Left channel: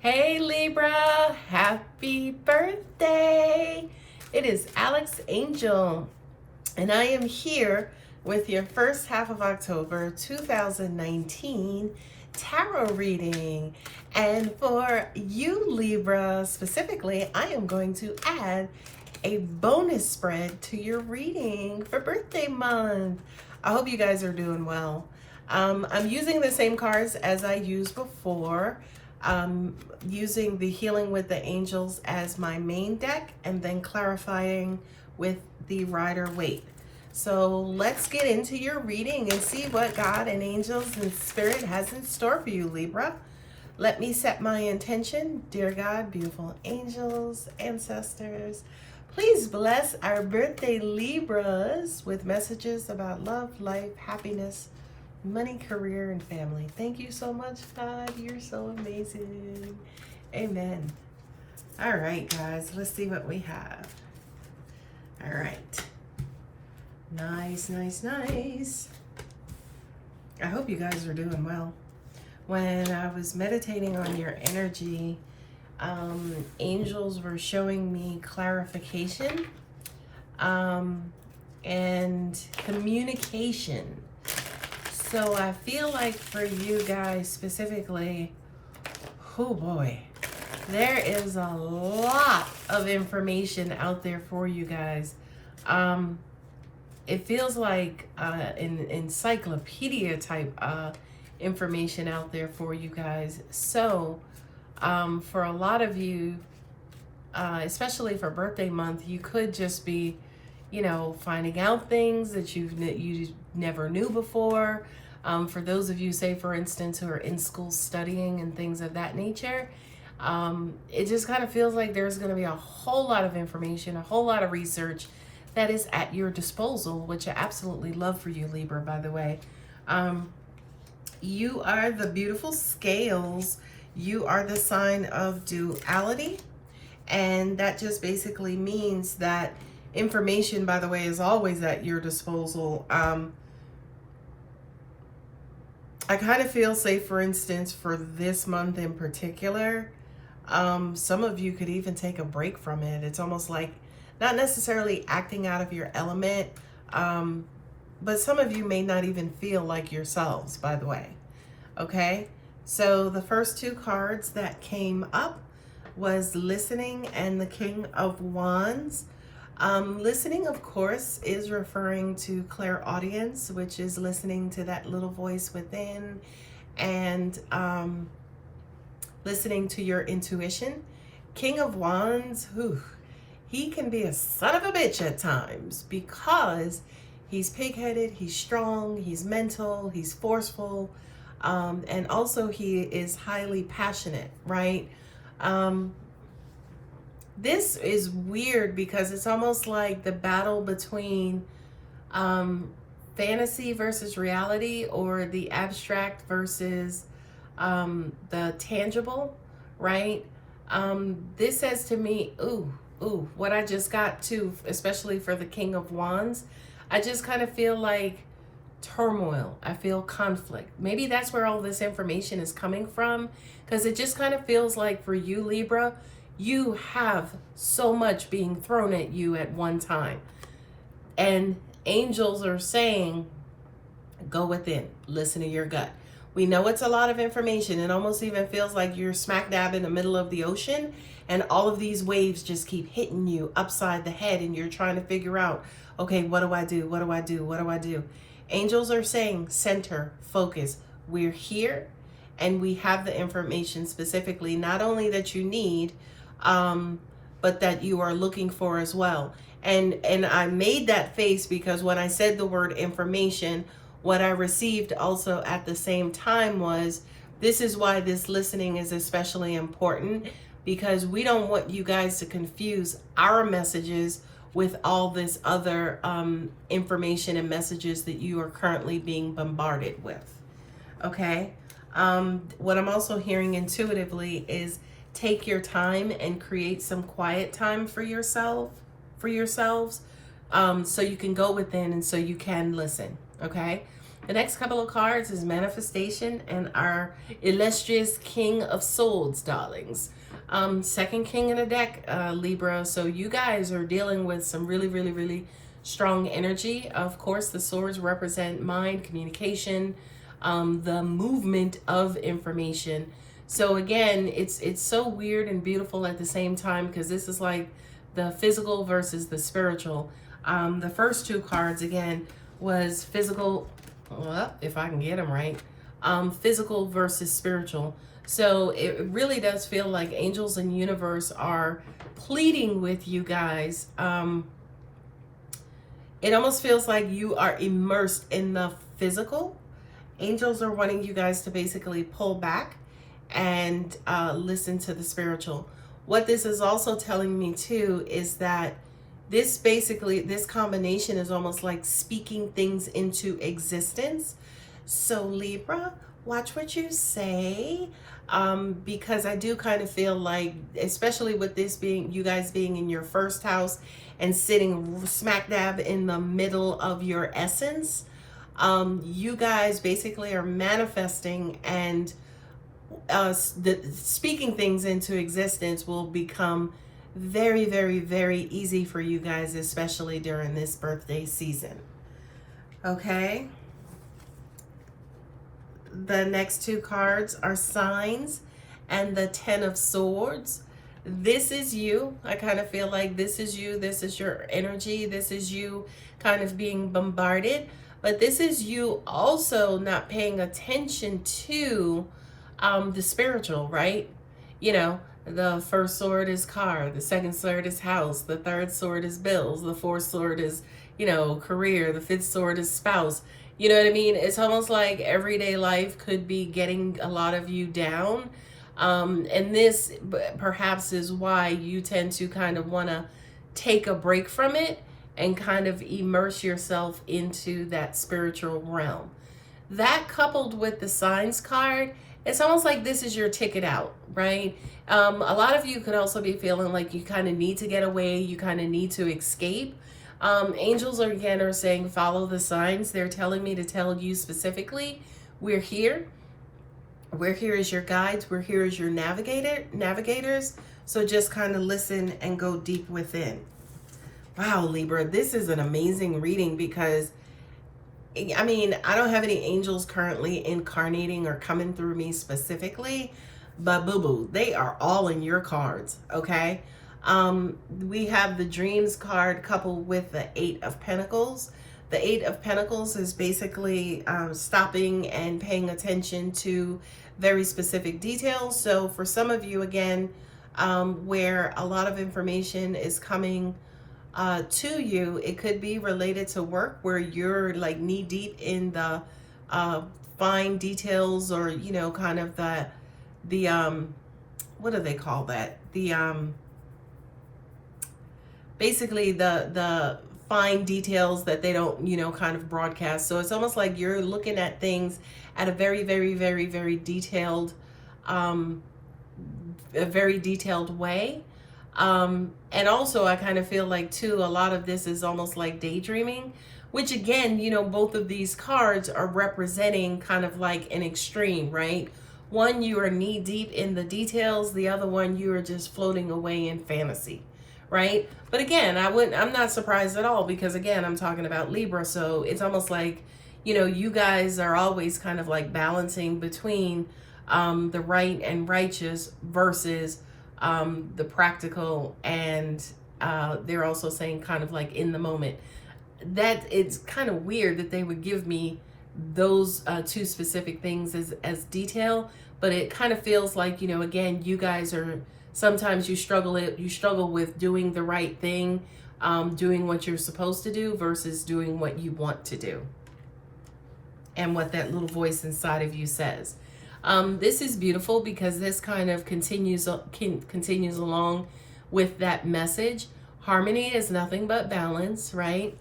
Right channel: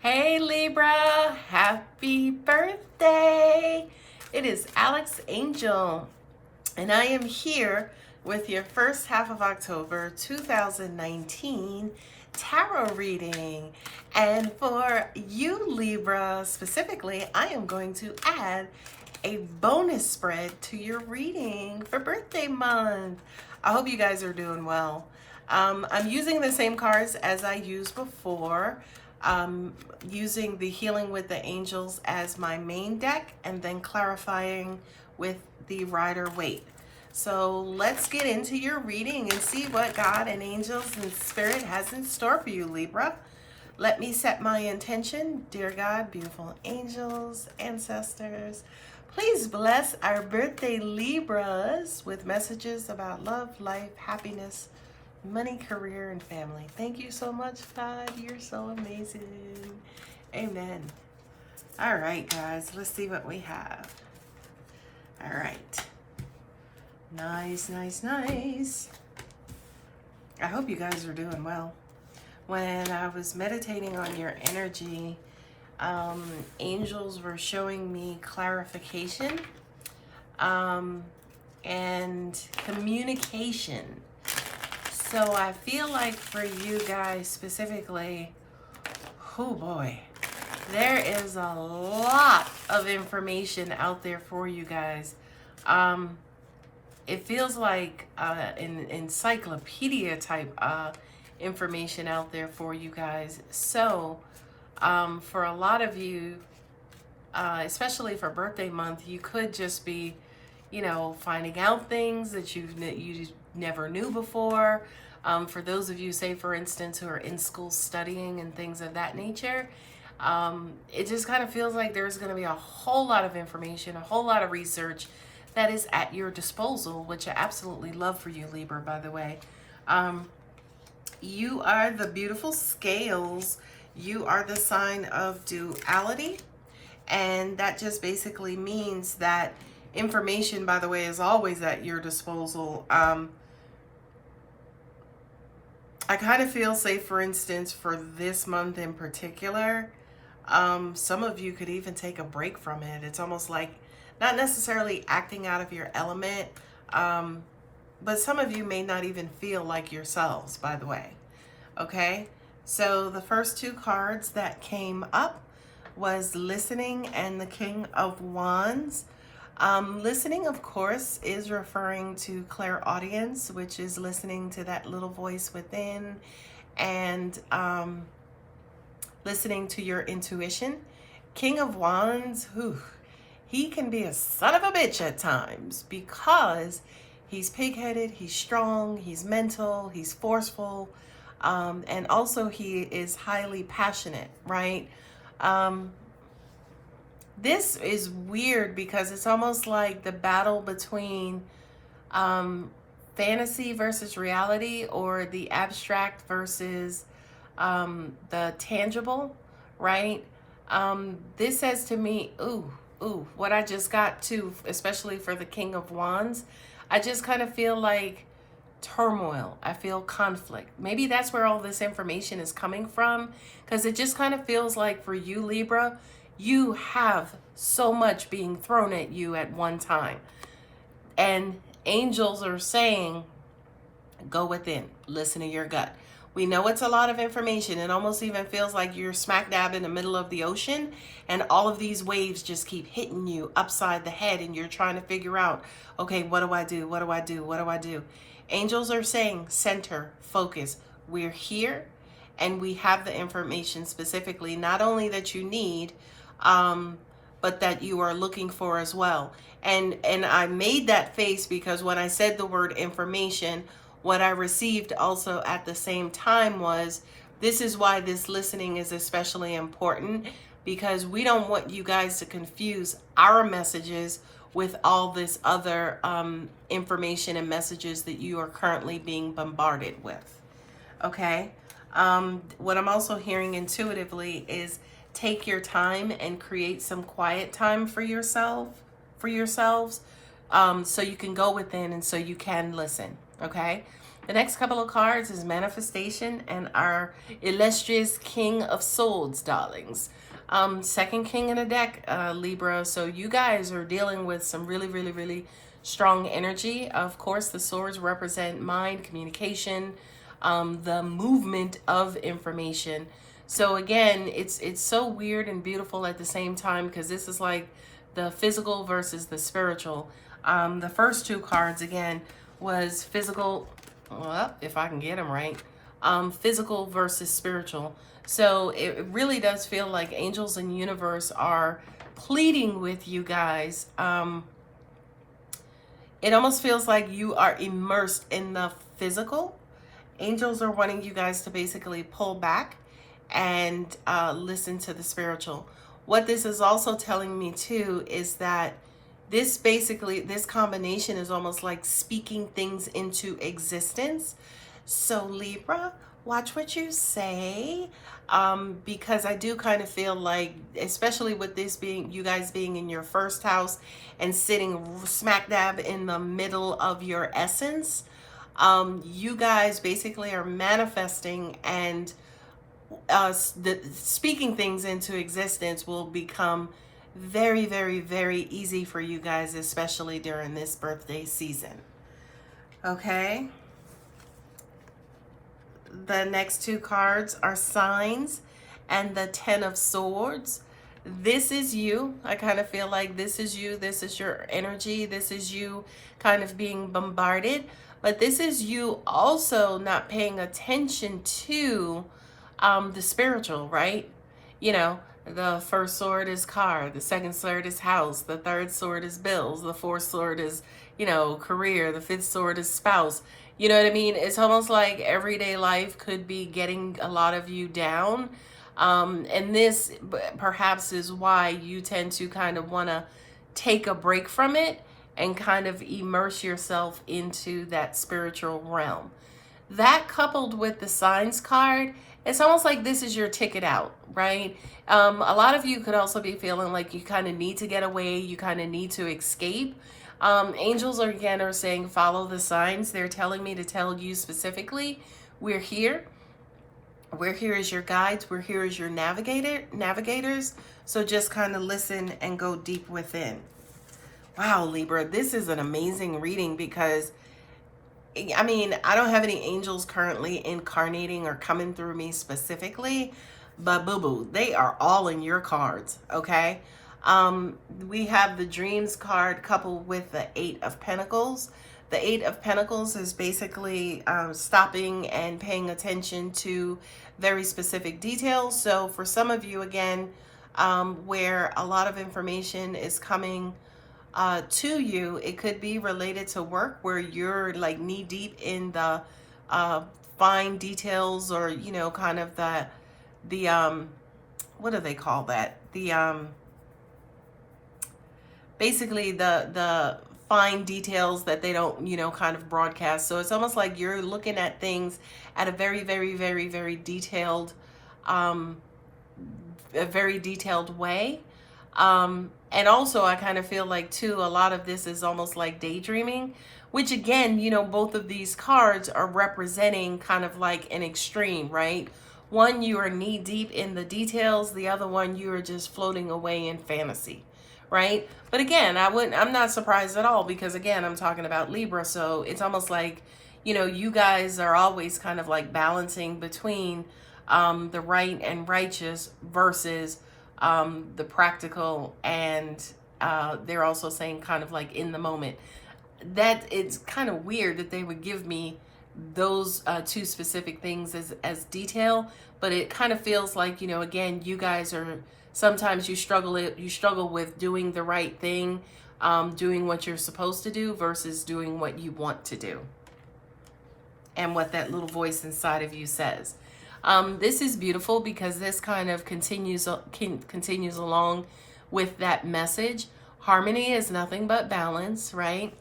Hey Libra, happy birthday! It is Alex Angel, and I am here with your first half of October 2019 tarot reading. And for you Libra specifically, I am going to add a bonus spread to your reading for birthday month. I hope you guys are doing well. I'm using the same cards as I used before. Using the Healing with the Angels as my main deck and then clarifying with the Rider-Waite. So let's get into your reading and see what God and angels and spirit has in store for you, Libra. Let me set my intention. Dear God, beautiful angels, ancestors, please bless our birthday Libras with messages about love, life, happiness, money, career, and family. Thank you so much, God. You're so amazing. Amen. All right, guys, let's see what we have. All right. Nice, nice, nice. I hope you guys are doing well. When I was meditating on your energy, angels were showing me clarification and communication. So I feel like for you guys specifically, oh boy, there is a lot of information out there for you guys. It feels like an encyclopedia type information out there for you guys. So for a lot of you, especially for birthday month, you could just be, you know, finding out things that you never knew before. For those of you, say for instance, who are in school studying and things of that nature, it just kind of feels like there's going to be a whole lot of information, a whole lot of research that is at your disposal, which I absolutely love for you, Libra, by the way. You are the beautiful scales. You are the sign of duality. And that just basically means that information, by the way, is always at your disposal. I kind of feel, say for instance, for this month in particular, some of you could even take a break from it. It's almost like not necessarily acting out of your element, but some of you may not even feel like yourselves, by the way. Okay, so the first two cards that came up was Listening and the King of Wands. Listening, of course, is referring to clairaudience, which is listening to that little voice within and listening to your intuition. King of Wands, he can be a son of a bitch at times because he's pig-headed, he's strong, he's mental, he's forceful, and also he is highly passionate, right? This is weird because it's almost like the battle between fantasy versus reality, or the abstract versus the tangible, right? This says to me, what I just got to, especially for the King of Wands, I just kind of feel like turmoil. I feel conflict. Maybe that's where all this information is coming from, because it just kind of feels like for you, Libra, you have so much being thrown at you at one time. And angels are saying, go within, listen to your gut. We know it's a lot of information. It almost even feels like you're smack dab in the middle of the ocean and all of these waves just keep hitting you upside the head and you're trying to figure out, okay, what do I do? What do I do? What do I do? Angels are saying, center, focus. We're here and we have the information specifically, not only that you need, but that you are looking for as well. And I made that face because when I said the word information, what I received also at the same time was, this is why this listening is especially important, because we don't want you guys to confuse our messages with all this other information and messages that you are currently being bombarded with. Okay? What I'm also hearing intuitively is take your time and create some quiet time for yourselves, so you can go within and so you can listen. Okay? The next couple of cards is manifestation and our illustrious King of Swords, darlings. Second king in the deck, Libra. So you guys are dealing with some really, really, really strong energy. Of course, the swords represent mind, communication, the movement of information. So again, it's so weird and beautiful at the same time, because this is like the physical versus the spiritual. The first two cards again was physical, well, if I can get them right, physical versus spiritual. So it really does feel like angels and universe are pleading with you guys. It almost feels like you are immersed in the physical. Angels are wanting you guys to basically pull back and listen to the spiritual. What this is also telling me too is that this combination is almost like speaking things into existence. So Libra, watch what you say, because I do kind of feel like, especially with this being, you guys being in your first house and sitting smack dab in the middle of your essence, you guys basically are manifesting, and speaking things into existence will become very, very, very easy for you guys, especially during this birthday season. Okay. The next two cards are signs and the Ten of Swords. This is you. I kind of feel like this is you. This is your energy. This is you kind of being bombarded. But this is you also not paying attention to the spiritual, right? You know, the first sword is car, the second sword is house, the third sword is bills, the fourth sword is, you know, career, the fifth sword is spouse. You know what I mean? It's almost like everyday life could be getting a lot of you down. And this perhaps is why you tend to kind of want to take a break from it and kind of immerse yourself into that spiritual realm. That coupled with the signs card, it's almost like this is your ticket out, right? A lot of you could also be feeling like you kind of need to get away, you kind of need to escape. Angels are saying follow the signs. They're telling me to tell you specifically, we're here. We're here as your guides. We're here as your navigators. So just kind of listen and go deep within. Wow, Libra, this is an amazing reading, because I mean, I don't have any angels currently incarnating or coming through me specifically, but boo-boo, they are all in your cards, okay? We have the Dreams card coupled with the Eight of Pentacles. The Eight of Pentacles is basically stopping and paying attention to very specific details. So for some of you, again, where a lot of information is coming to you, it could be related to work, where you're like knee deep in the fine details, or you know, kind of the what do they call that, basically the fine details that they don't, you know, kind of broadcast. So it's almost like you're looking at things at a very, very, very, very detailed way. And also I kind of feel like too, a lot of this is almost like daydreaming, which again, you know, both of these cards are representing kind of like an extreme, right? One, you are knee deep in the details. The other one, you are just floating away in fantasy, right? But again, I'm not surprised at all, because again, I'm talking about Libra. So it's almost like, you know, you guys are always kind of like balancing between the right and righteous versus the practical, and they're also saying kind of like in the moment. That it's kind of weird that they would give me those two specific things as detail, but it kind of feels like, you know, again, you guys are, sometimes you struggle with doing the right thing, doing what you're supposed to do versus doing what you want to do, and what that little voice inside of you says. This is beautiful, because this kind of continues along with that message. Harmony is nothing but balance, right?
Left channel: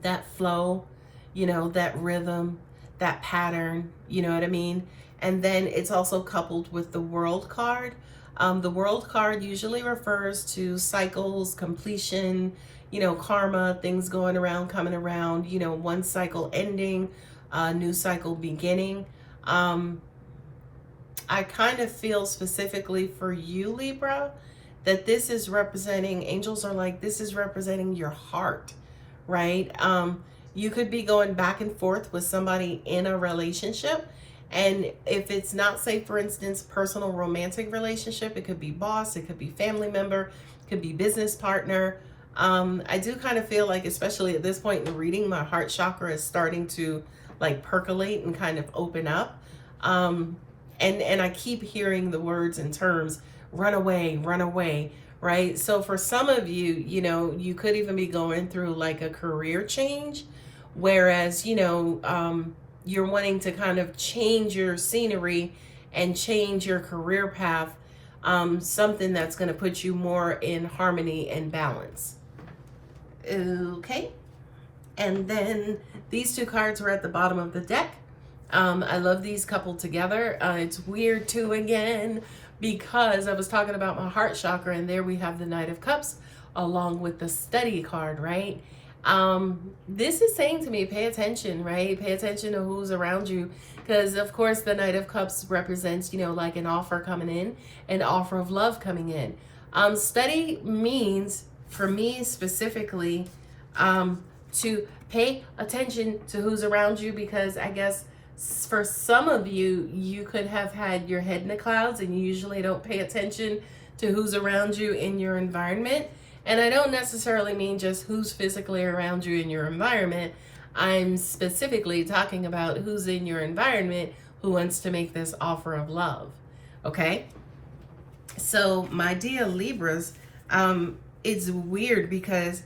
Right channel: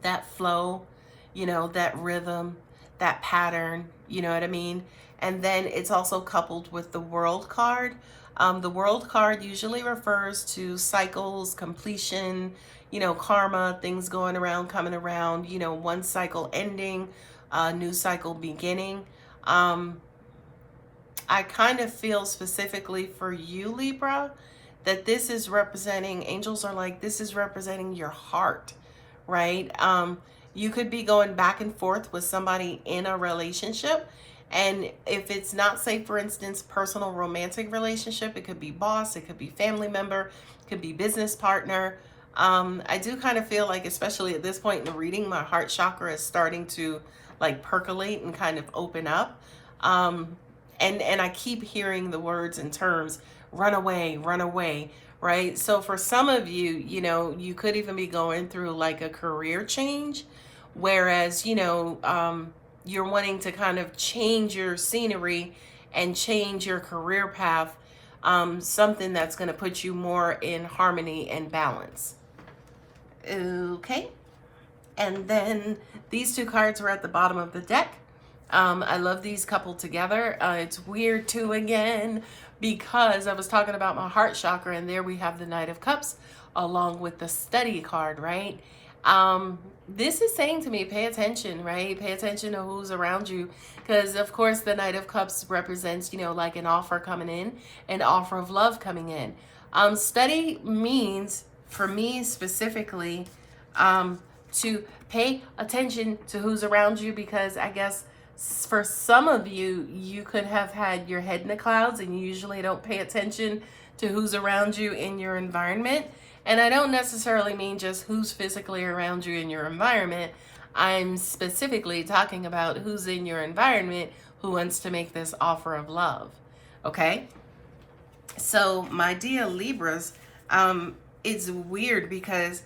That flow, you know, that rhythm, that pattern, you know what I mean? And then it's also coupled with the World card. The World card usually refers to cycles, completion, you know, karma, things going around, coming around, you know, one cycle ending, new cycle beginning. I kind of feel specifically for you, Libra, that this is representing, angels are like, this is representing your heart, right? You could be going back and forth with somebody in a relationship. And if it's not, say, for instance, personal romantic relationship, it could be boss, it could be family member, it could be business partner. I do kind of feel like, especially at this point in the reading, my heart chakra is starting to like percolate and kind of open up. And I keep hearing the words and terms, run away, right? So for some of you, you know, you could even be going through like a career change, whereas, you know, you're wanting to kind of change your scenery and change your career path, something that's going to put you more in harmony and balance. Okay. And then these two cards are at the bottom of the deck. I love these coupled together. It's weird too, again, because I was talking about my heart chakra, and there we have the Knight of Cups along with the Study card, right? This is saying to me, pay attention, right? Pay attention to who's around you, because of course the Knight of Cups represents, you know, like an offer coming in, an offer of love coming in. Study means, for me specifically, to pay attention to who's around you, because I guess for some of you, you could have had your head in the clouds and you usually don't pay attention to who's around you in your environment. And I don't necessarily mean just who's physically around you in your environment. I'm specifically talking about who's in your environment who wants to make this offer of love. Okay? So my dear Libras, it's weird because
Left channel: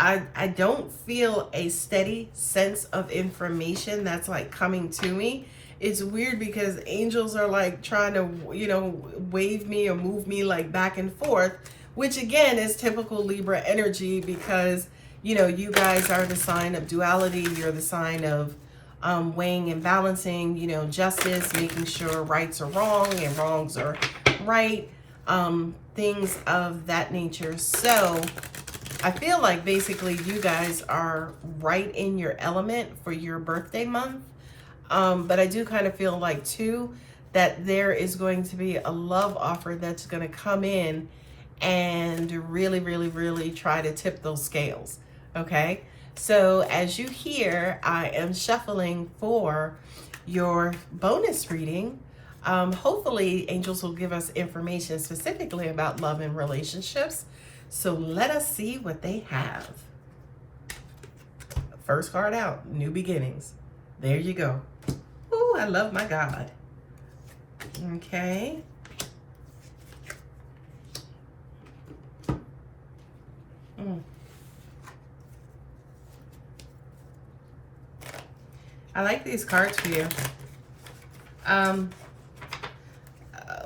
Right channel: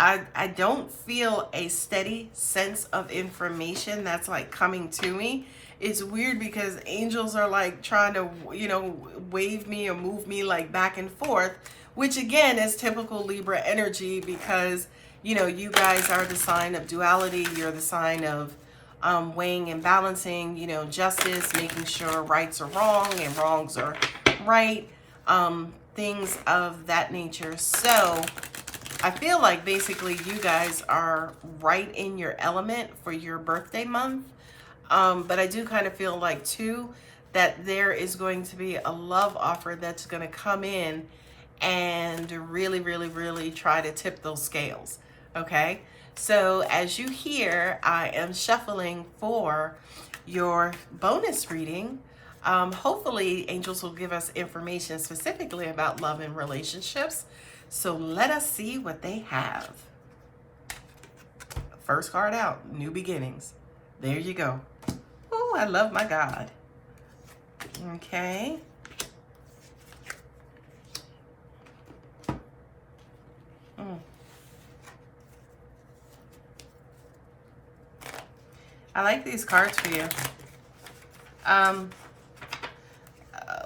I don't feel a steady sense of information that's like coming to me. It's weird because angels are like trying to, you know, wave me or move me like back and forth, which again is typical Libra energy, because, you know, you guys are the sign of duality. You're the sign of weighing and balancing, you know, justice, making sure rights are wrong and wrongs are right, things of that nature. So I feel like basically you guys are right in your element for your birthday month. But I do kind of feel like too that there is going to be a love offer that's going to come in and really, really, really try to tip those scales. Okay. So as you hear, I am shuffling for your bonus reading. Hopefully angels will give us information specifically about love and relationships. So let us see what they have. First card out, New Beginnings. There you go. Ooh, I love my God. Okay. I like these cards for you.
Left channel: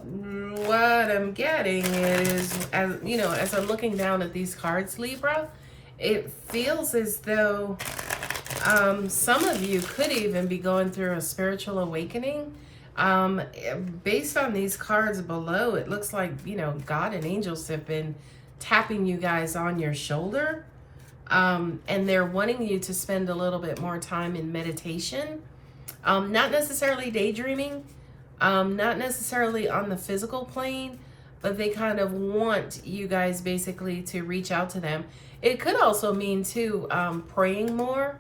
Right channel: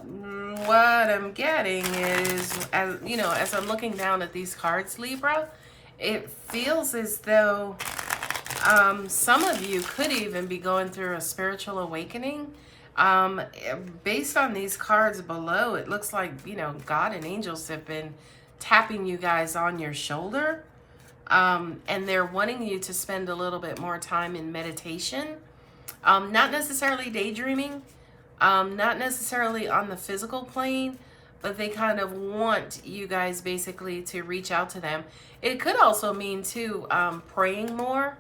What I'm getting is, you know, as I'm looking down at these cards, Libra, it feels as though some of you could even be going through a spiritual awakening. Based on these cards below, it looks like, you know, God and angels have been tapping you guys on your shoulder. And they're wanting you to spend a little bit more time in meditation. Not necessarily daydreaming. Not necessarily on the physical plane, but they kind of want you guys basically to reach out to them. It could also mean too, praying more,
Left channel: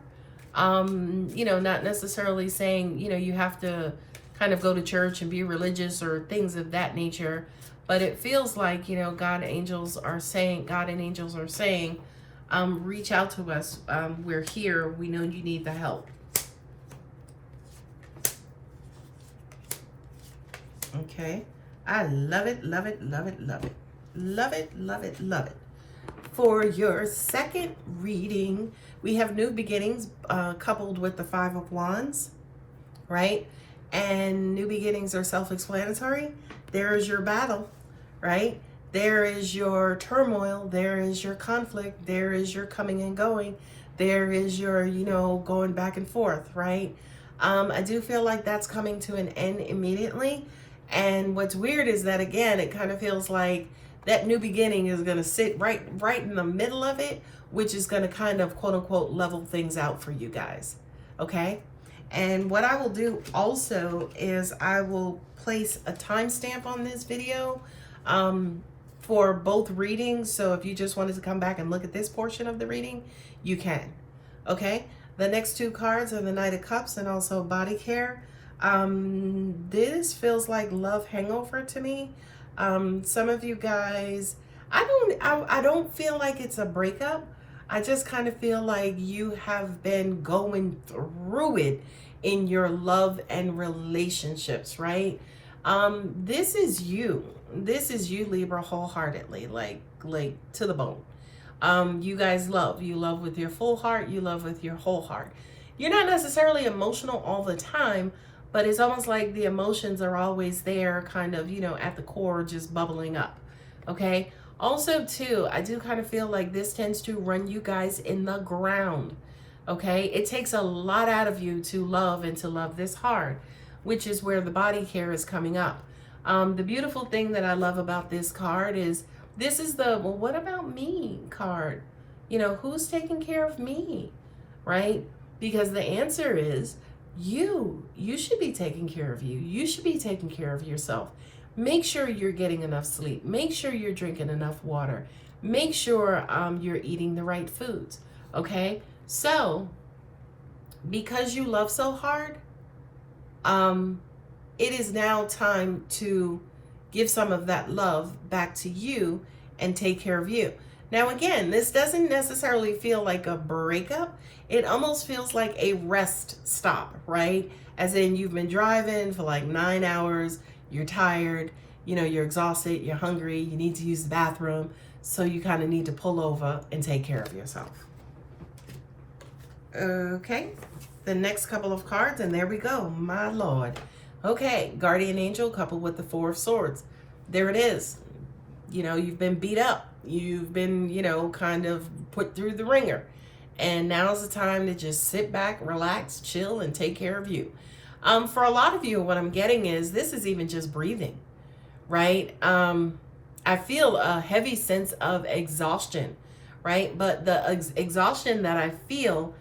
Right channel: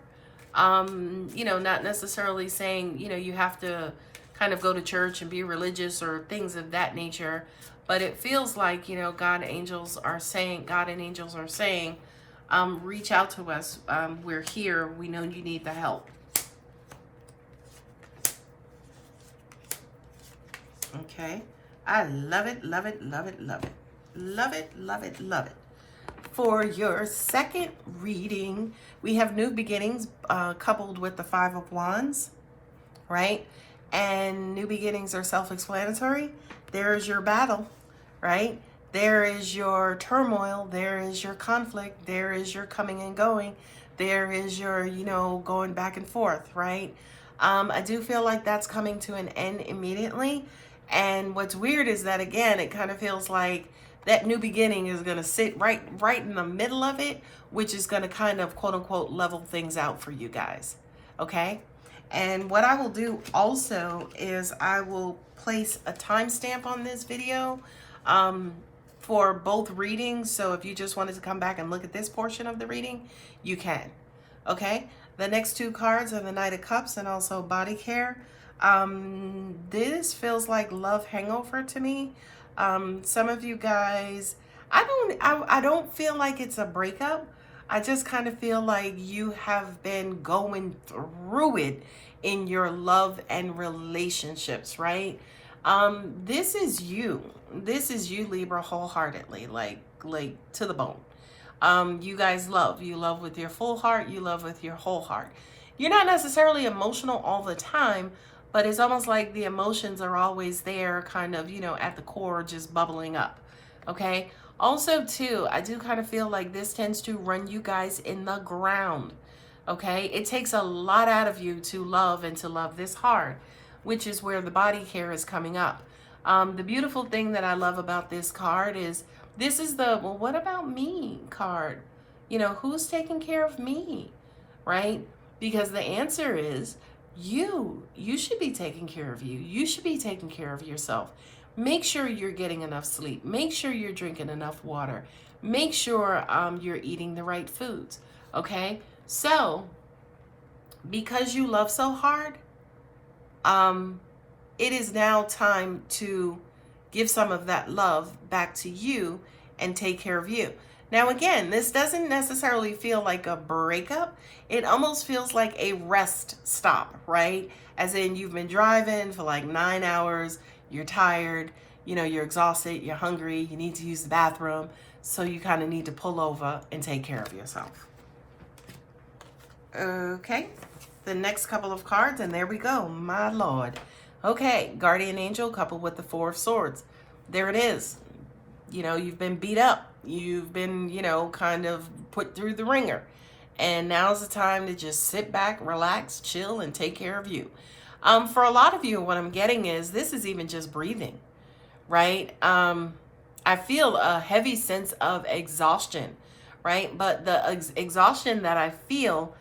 you know, not necessarily saying, you know, you have to kind of go to church and be religious or things of that nature, but it feels like, you know, God and angels are saying, reach out to us. We're here. We know you need the help. Okay, I love it, love it, love it, love it. Love it, love it, love it. For your second reading, we have New Beginnings coupled with the Five of Wands, right? And New Beginnings are self-explanatory. There is your battle, right? There is your turmoil. There is your conflict. There is your coming and going. There is your, you know, going back and forth, right? I do feel like that's coming to an end immediately. And what's weird is that, again, it kind of feels like that new beginning is going to sit right in the middle of it, which is going to kind of, quote unquote, level things out for you guys. Okay. And what I will do also is I will place a timestamp on this video for both readings. So if you just wanted to come back and look at this portion of the reading, you can. Okay, the next two cards are the Knight of Cups and also Body Care. This feels like love hangover to me. Some of you guys, I don't feel like it's a breakup. I just kind of feel like you have been going through it in your love and relationships, right? This is you. This is you, Libra, wholeheartedly, like to the bone. You guys love. You love with your full heart. You love with your whole heart. You're not necessarily emotional all the time, but it's almost like the emotions are always there, kind of, you know, at the core, just bubbling up. Okay. Also, too, I do kind of feel like this tends to run you guys in the ground. Okay. It takes a lot out of you to love and to love this hard, which is where the Body Care is coming up. The beautiful thing that I love about this card is this is the, well, what about me card? You know, who's taking care of me, right? Because the answer is you should be taking care of you. You should be taking care of yourself. Make sure you're getting enough sleep. Make sure you're drinking enough water. Make sure you're eating the right foods. Okay. So because you love so hard, it is now time to give some of that love back to you and take care of you. Now, again, this doesn't necessarily feel like a breakup. It almost feels like a rest stop, right? As in you've been driving for like 9 hours, you're tired, you know, you're exhausted, you're hungry, you need to use the bathroom. So you kind of need to pull over and take care of yourself. Okay, the next couple of cards, and there we go, my Lord. Okay, Guardian Angel coupled with the Four of Swords. There it is. You know, you've been beat up. You've been, you know, kind of put through the ringer. And now's the time to just sit back, relax, chill, and take care of you. For a lot of you, what I'm getting is this is even just breathing, right? I feel a heavy sense of exhaustion, right? But the exhaustion that I feel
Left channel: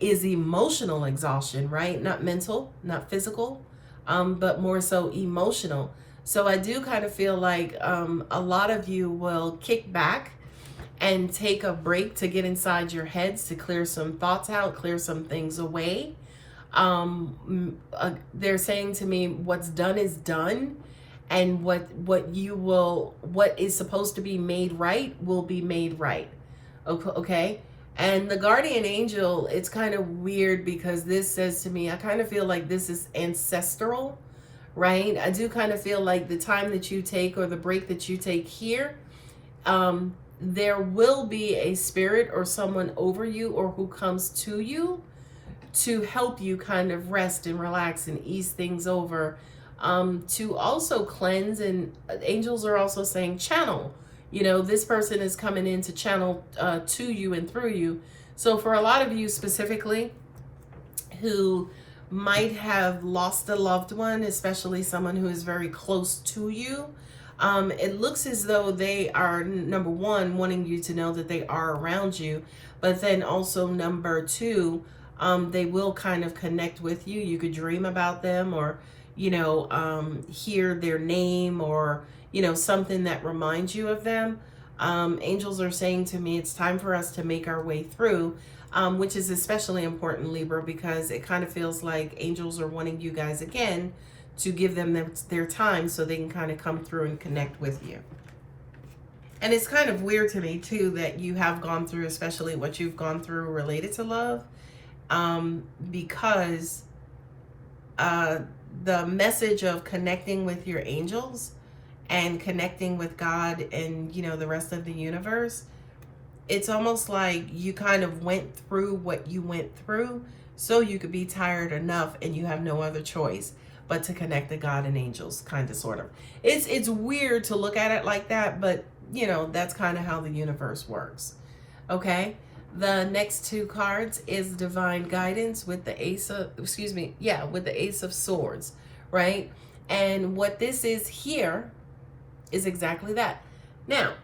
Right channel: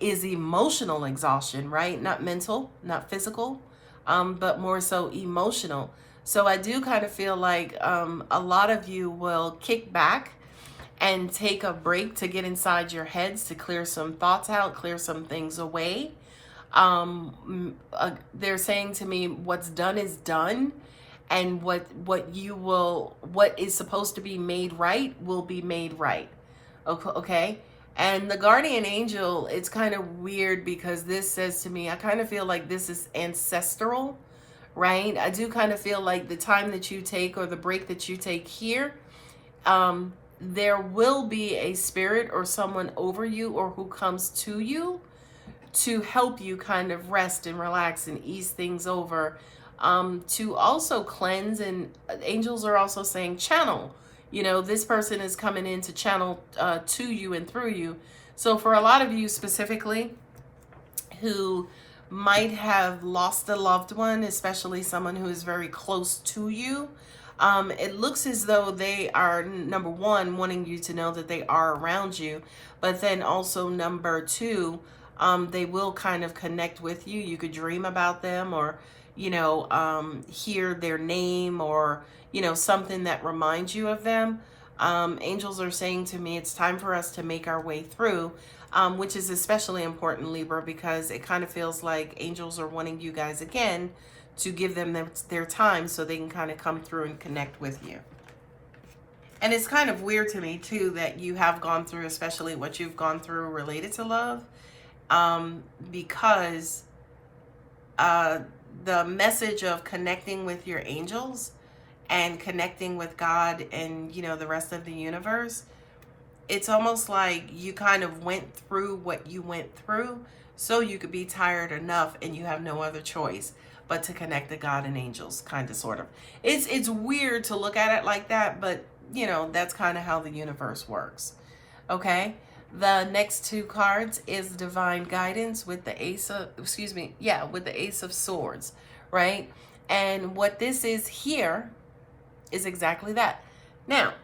is emotional exhaustion, right? Not mental, not physical, but more so emotional. So I do kind of feel like a lot of you will kick back and take a break to get inside your heads, to clear some thoughts out, clear some things away. They're saying to me, what's done is done, and what is supposed to be made right will be made right. Okay. And the Guardian Angel, it's kind of weird because this says to me, I kind of feel like this is ancestral, right? I do kind of feel like the time that you take or the break that you take here, there will be a spirit or someone over you or who comes to you to help you kind of rest and relax and ease things over, to also cleanse. And angels are also saying channel. You know, this person is coming in to channel to you and through you. So for a lot of you specifically who might have lost a loved one, especially someone who is very close to you, it looks as though they are, number one, wanting you to know that they are around you, but then also number two, they will kind of connect with you. You could dream about them, or, you know, hear their name, or, you know, something that reminds you of them. Angels are saying to me, it's time for us to make our way through, which is especially important, Libra, because it kind of feels like angels are wanting you guys again to give them their time so they can kind of come through and connect with you. And it's kind of weird to me too that you have gone through, especially what you've gone through related to love, because the message of connecting with your angels and connecting with God and, you know, the rest of the universe, it's almost like you kind of went through what you went through so you could be tired enough and you have no other choice but to connect to God and angels, kind of, sort of. It's weird to look at it like that, but, you know, that's kind of how the universe works. Okay? The next two cards is Divine Guidance with the Ace of, with the Ace of Swords, right? And what this is here is exactly that. Now,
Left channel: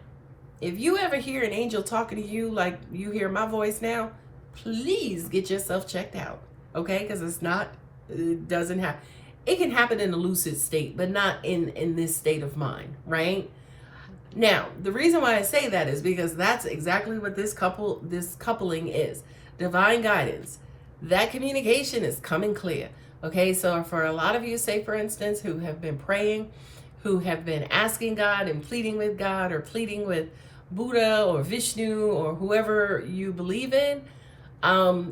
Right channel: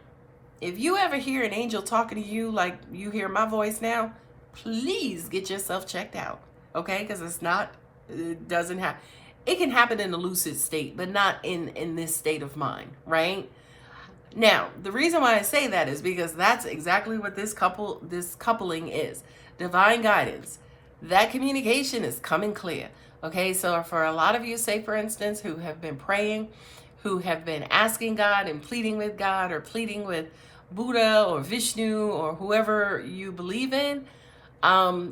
if you ever hear an angel talking to you like you hear my voice now, please get yourself checked out, okay? Because it's not It doesn't have. It can happen in a lucid state, but not in this state of mind, right? Now, the reason why I say that is because that's exactly what this coupling is. Divine guidance. That communication is coming clear. Okay, so for a lot of you, say for instance, who have been praying, who have been asking God and pleading with God or pleading with Buddha or Vishnu or whoever you believe in,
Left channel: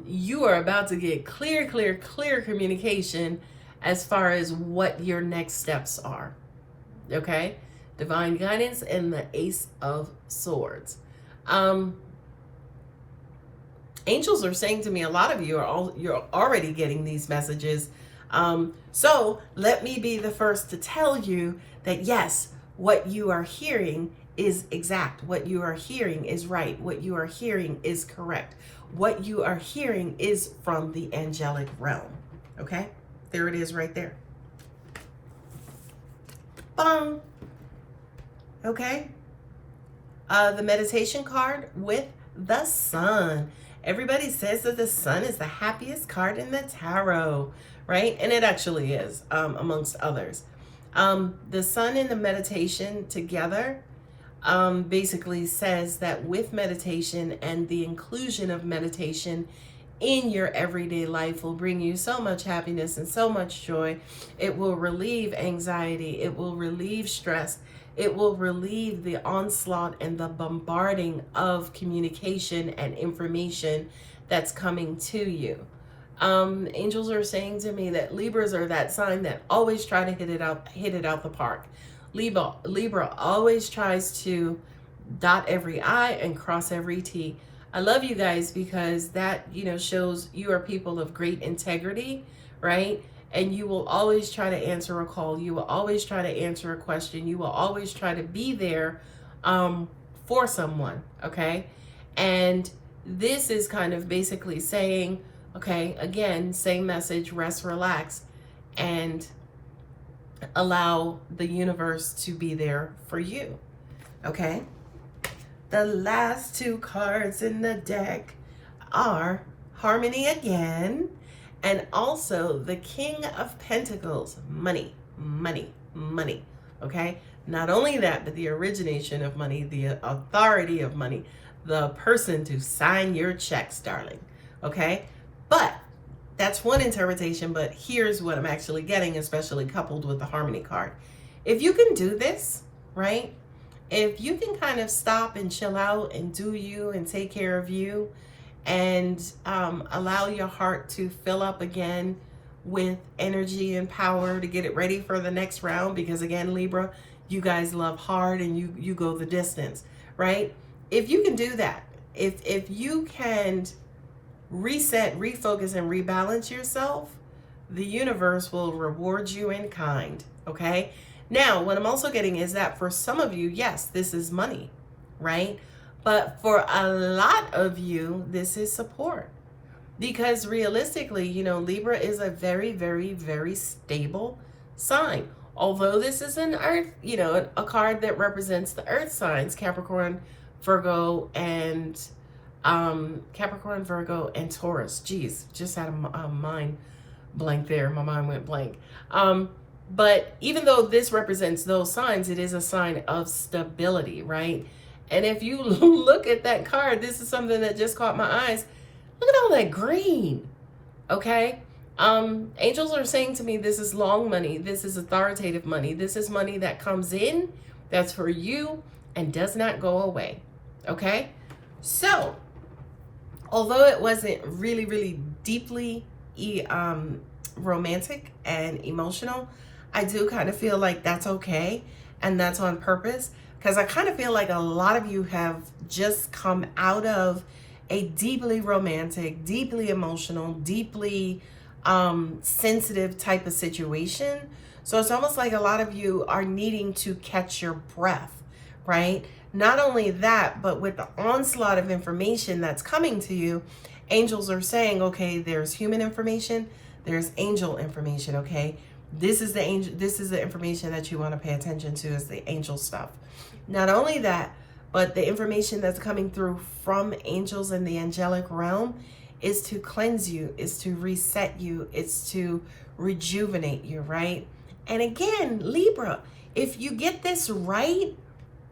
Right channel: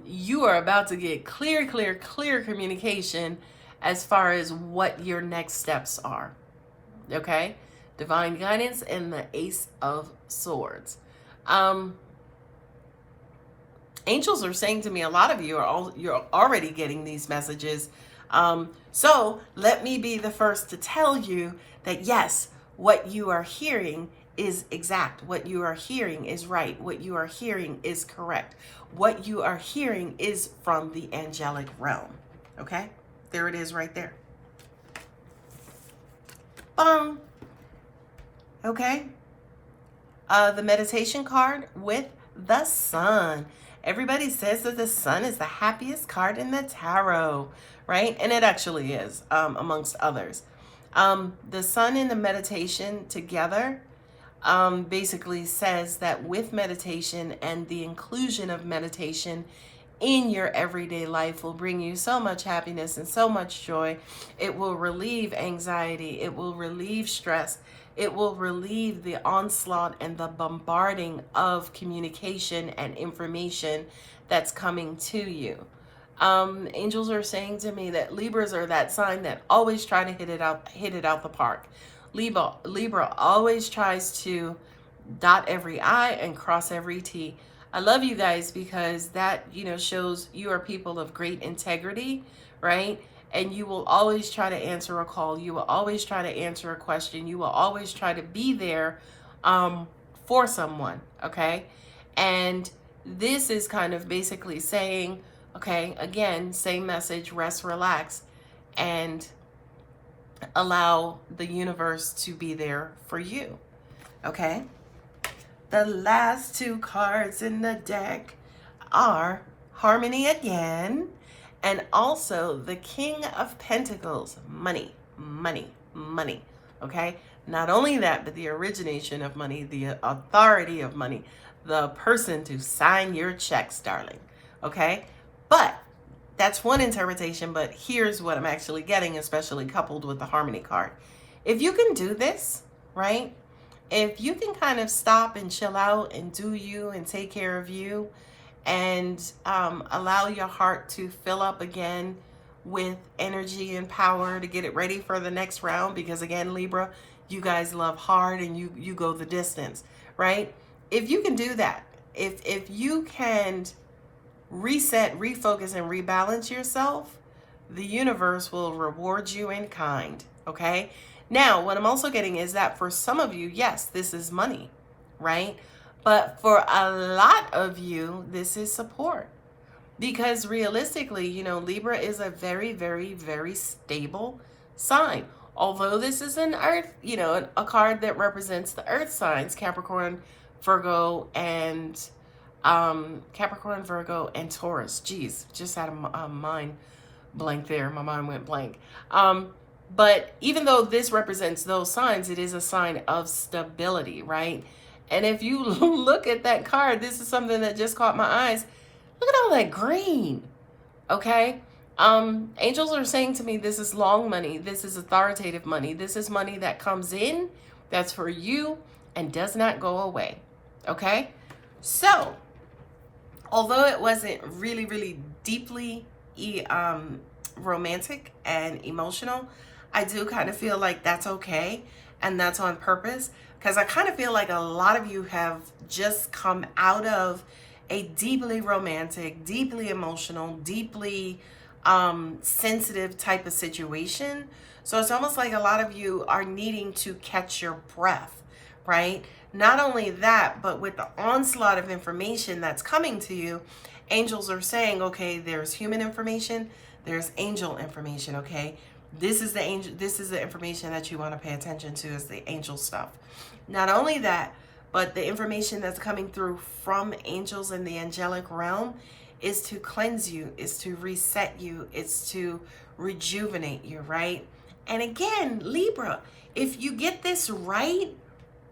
you are about to get clear communication as far as what your next steps are. Okay? Divine guidance and the Ace of Swords. Angels are saying to me, a lot of you you're already getting these messages. So let me be the first to tell you that yes, what you are hearing is exact. What you are hearing is right. What you are hearing is correct. What you are hearing is from the angelic realm. Okay? There it is right there. Bong. Okay? The meditation card with the Sun. Everybody says that the Sun is the happiest card in the tarot, right? And it actually is, amongst others. The Sun and the meditation together basically says that with meditation and the inclusion of meditation in your everyday life will bring you so much happiness and so much joy. It will relieve anxiety. It will relieve stress. It will relieve the onslaught and the bombarding of communication and information that's coming to you. Angels are saying to me that Libras are that sign that always try to hit it out the park. Libra always tries to dot every I and cross every T. I love you guys because that, shows you are people of great integrity, right? And you will always try to answer a call. You will always try to answer a question. You will always try to be there for someone, okay? And this is kind of basically saying, okay, again, same message, rest, relax, and allow the universe to be there for you, okay? The last two cards in the deck are Harmony again, and also the King of Pentacles, money, okay? Not only that, but the origination of money, the authority of money, the person to sign your checks, darling, okay? But that's one interpretation, but here's what I'm actually getting, especially coupled with the Harmony card. If you can do this, right? If you can kind of stop and chill out and do you and take care of you and allow your heart to fill up again with energy and power to get it ready for the next round, because again, Libra, you guys love hard and you go the distance, right? If you can do that, if you can reset, refocus, and rebalance yourself, the universe will reward you in kind, okay? Now, what I'm also getting is that for some of you, yes, this is money, right? But for a lot of you, this is support. Because realistically, Libra is a very, very, very stable sign. Although this is an earth, a card that represents the earth signs, Capricorn, Virgo, and Taurus. Geez, just had a mind blank there. My mind went blank. But even though this represents those signs, it is a sign of stability, right? And if you look at that card, this is something that just caught my eyes. Look at all that green, okay? Angels are saying to me, this is long money. This is authoritative money. This is money that comes in, that's for you, and does not go away, okay? So, although it wasn't really, really deeply romantic and emotional, I do kind of feel like that's okay, and that's on purpose, because I kind of feel like a lot of you have just come out of a deeply romantic, deeply emotional, deeply sensitive type of situation. So it's almost like a lot of you are needing to catch your breath, right? Not only that, but with the onslaught of information that's coming to you, angels are saying, okay, there's human information, there's angel information, okay? This is the information that you want to pay attention to, is the angel stuff. Not only that, but the information that's coming through from angels in the angelic realm is to cleanse you, is to reset you, it's to rejuvenate you, right? And again, Libra, if you get this right,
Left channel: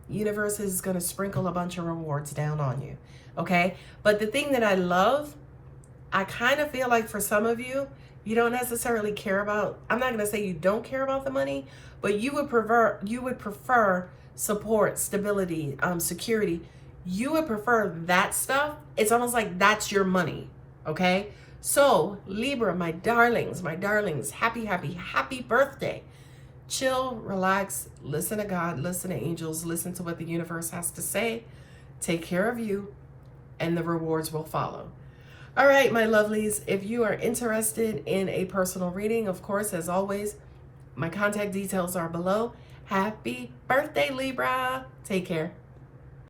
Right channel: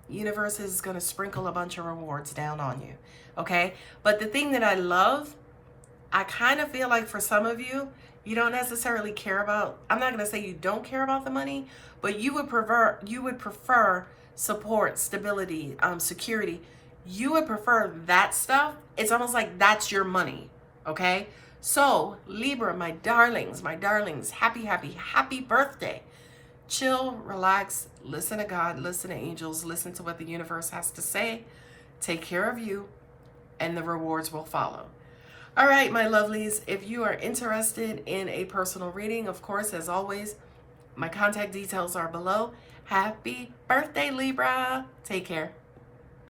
universe is going to sprinkle a bunch of rewards down on you. Okay? But the thing that I love, I kind of feel like for some of you, you don't necessarily care about, I'm not going to say you don't care about the money, but you would prefer support, stability, security. You would prefer that stuff. It's almost like that's your money. Okay? So, Libra, my darlings, happy, happy, happy birthday. Chill, relax, listen to God, listen to angels, listen to what the universe has to say. Take care of you, and the rewards will follow. All right, my lovelies, if you are interested in a personal reading, of course, as always, my contact details are below. Happy birthday, Libra. Take care.